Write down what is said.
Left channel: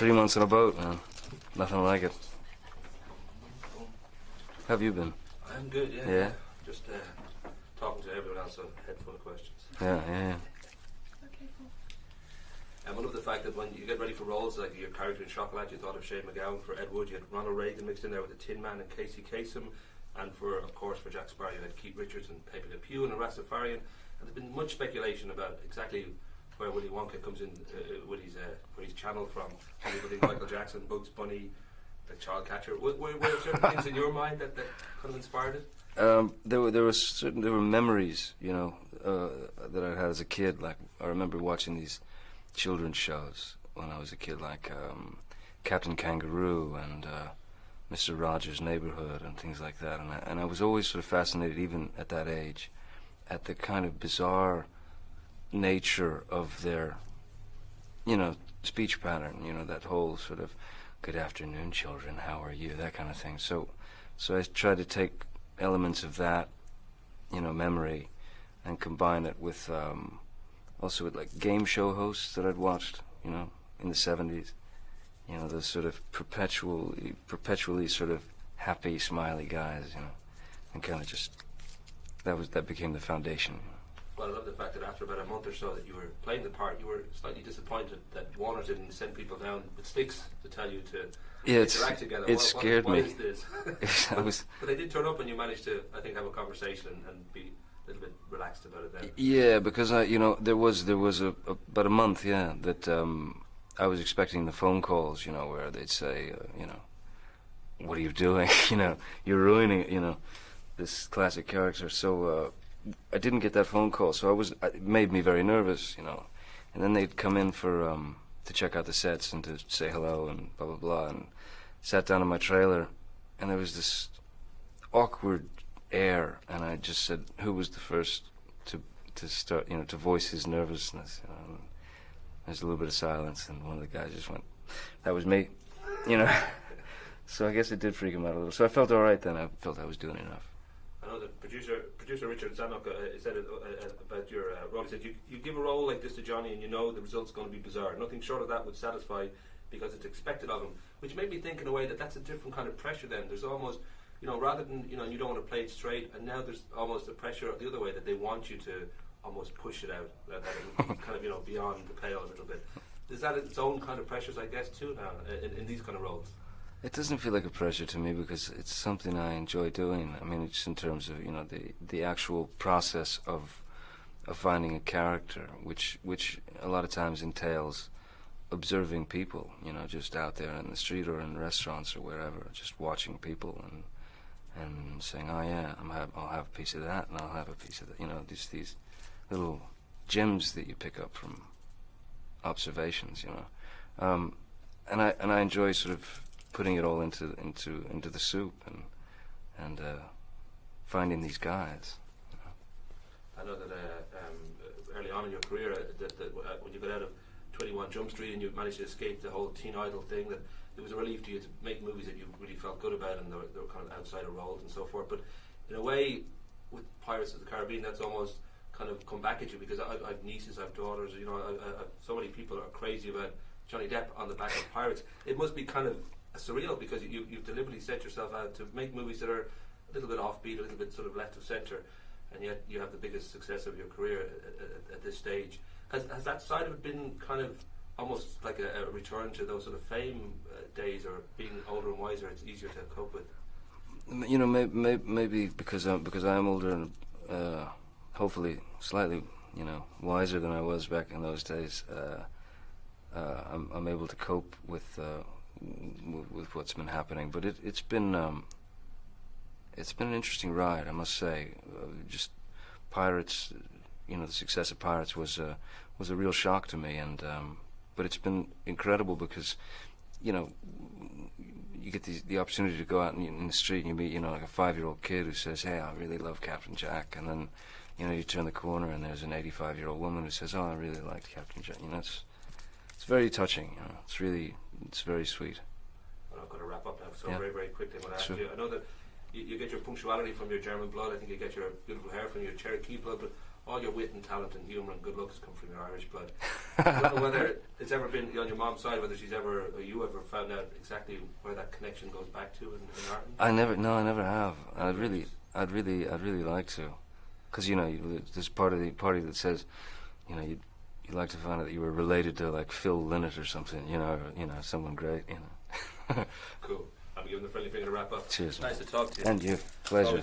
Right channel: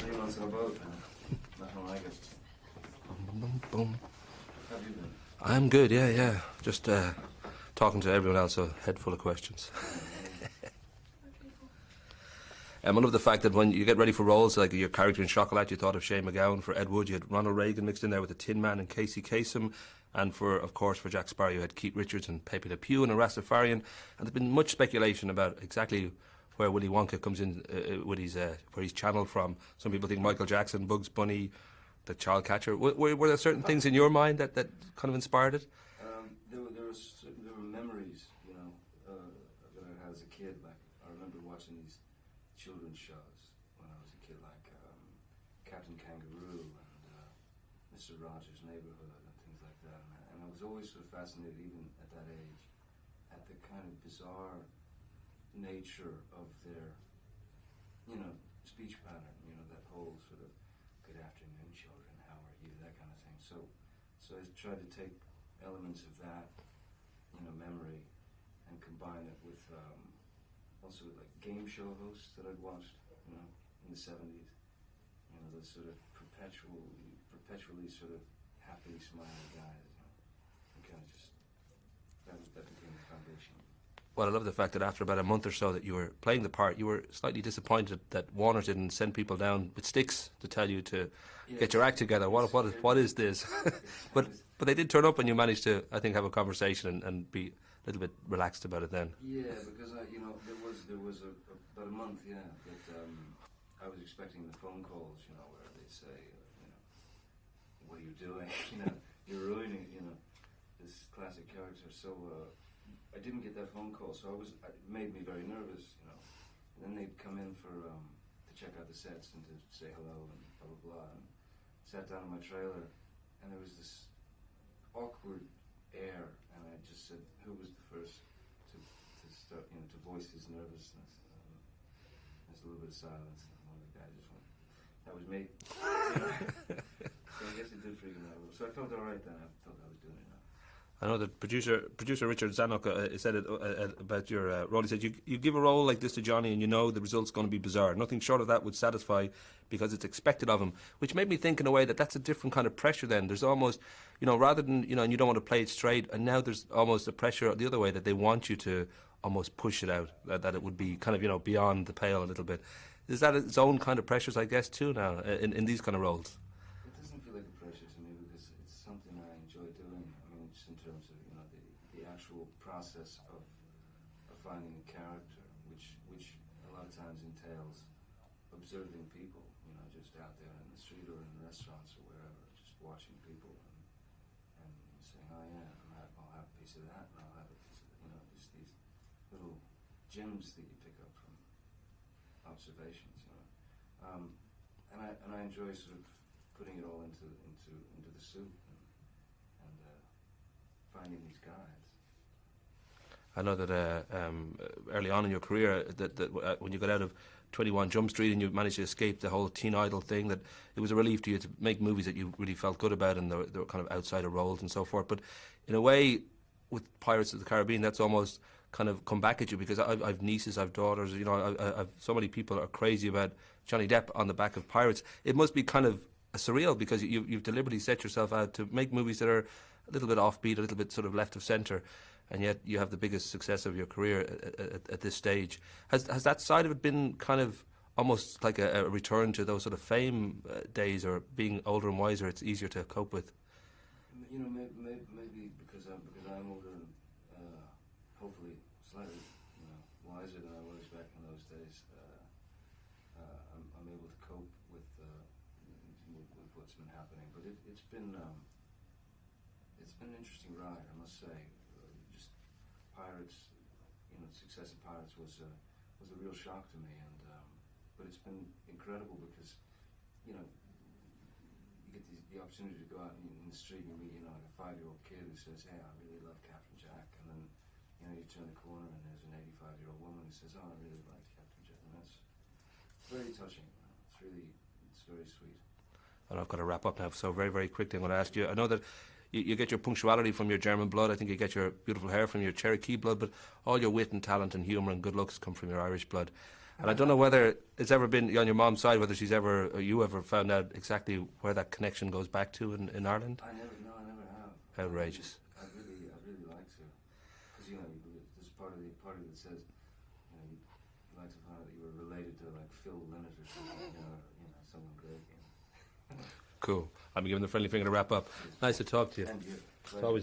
3 months on a boat, man. Nothing like it. How have you been? I'm good, yeah. Just talking to everyone else, a head full of questions. Yeah. And one of the fact that when you get ready for roles, like your character in Chocolat, you thought of Shane MacGowan. For Ed Wood, you had Ronald Reagan mixed in there with the Tin Man and Casey Kasem. And of course, for Jack Sparrow, you had Keith Richards and Pepe Le Pew and a Rastafarian. And there's been much speculation about exactly where Willy Wonka comes in, where he's channeled from. Some people think Michael Jackson, Bugs Bunny, the Child Catcher. Were there certain things in your mind that kind of inspired it? There were memories, that I had as a kid. Like, I remember watching these children's shows when I was a kid, like Captain Kangaroo and Mr. Rogers' Neighborhood and things like that. And I was always sort of fascinated, even at that age, at the kind of bizarre nature of their, speech pattern. That whole sort of "Good afternoon, children. How are you?" That kind of thing. So I tried to take elements of that, memory, and combine it with also with like game show hosts that I'd watched, in the 70s. Those sort of perpetually sort of happy, smiley guys, and kind of just that became the foundation. Well, I love the fact that after about a month or so that you were playing the part, you were slightly disappointed that Warner didn't send people down with sticks to tell you to get your act together. What is this? but they did turn up, and you managed to, I think, have a conversation and be a little bit relaxed about it then. Yeah, because there was about a month, that I was expecting the phone calls, where they'd say, what are you doing? You're ruining it, this classic character. So I didn't get that phone call, so it made me very nervous, And then they'd come in for to check out the sets and to say hello and blah blah blah, and sat down in my trailer, and there was this awkward air, and I just said, who was the first to start, to voice his nervousness. There's a little bit of silence, and one of the guys just went, "That was me," So I guess it did freak him out a little. So I felt all right then. I felt I was doing enough. I know that producer Richard Zanuck said it about your role. He said, you give a role like this to Johnny and the result's going to be bizarre. Nothing short of that would satisfy because it's expected of him, which made me think in a way that that's a different kind of pressure then. There's almost, rather than, and you don't want to play it straight, and now there's almost a pressure the other way that they want you to almost push it out, that it would be kind of, beyond the pale a little bit. Is that its own kind of pressures, I guess, too now, in these kind of roles? It doesn't feel like a pressure to me because it's something I enjoy doing. I mean, it's in terms of, the actual process of finding a character, which a lot of times entails observing people, just out there in the street or in restaurants or wherever, just watching people and saying, oh yeah, I'll have a piece of that and I'll have a piece of that, these little gems that you pick up from observations, and I enjoy sort of putting it all into the soup and finding these guys. I know that early on in your career, that when you got out of 21 Jump Street and you managed to escape the whole teen idol thing, that it was a relief to you to make movies that you really felt good about, and they were kind of outsider roles and so forth. But in a way, with Pirates of the Caribbean, that's almost kind of come back at you, because I've nieces, I've daughters, I've so many people are crazy about Johnny Depp on the back of Pirates. It must be kind of surreal, because you've deliberately set yourself out to make movies that are a little bit offbeat, a little bit sort of left of centre, and yet you have the biggest success of your career at this stage. Has that side of it been kind of almost like a return to those sort of fame days, or being older and wiser, it's easier to cope with? Maybe because I'm older and hopefully slightly wiser than I was back in those days. I'm able to cope with what's been happening, but it's been an interesting ride, I must say. Just Pirates, the success of Pirates was a real shock to me, and but it's been incredible because you get the opportunity to go out in the street and you meet like a 5-year-old kid who says, "Hey, I really love Captain Jack," and then you turn the corner and there's an 85-year-old woman who says, "Oh, I really liked Captain Jack." It's very touching. It's very sweet. And I've got to wrap up now, so Yeah. very, very quickly I'm going to ask Sure. you. I know that you get your punctuality from your German blood. I think you get your beautiful hair from your Cherokee blood, but all your wit and talent and humour and good looks come from your Irish blood. I don't know whether it's ever been on your mom's side, whether she's ever, or you ever found out exactly where that connection goes back to in Ireland. I never have. Outrageous. I'd really like to, because there's part of the party that says, you'd like to find out that you were related to like Phil Lynott or something, someone great, Cool. I'm giving the friendly finger to wrap up. Cheers. Nice to talk to you. And you. Pleasure. Always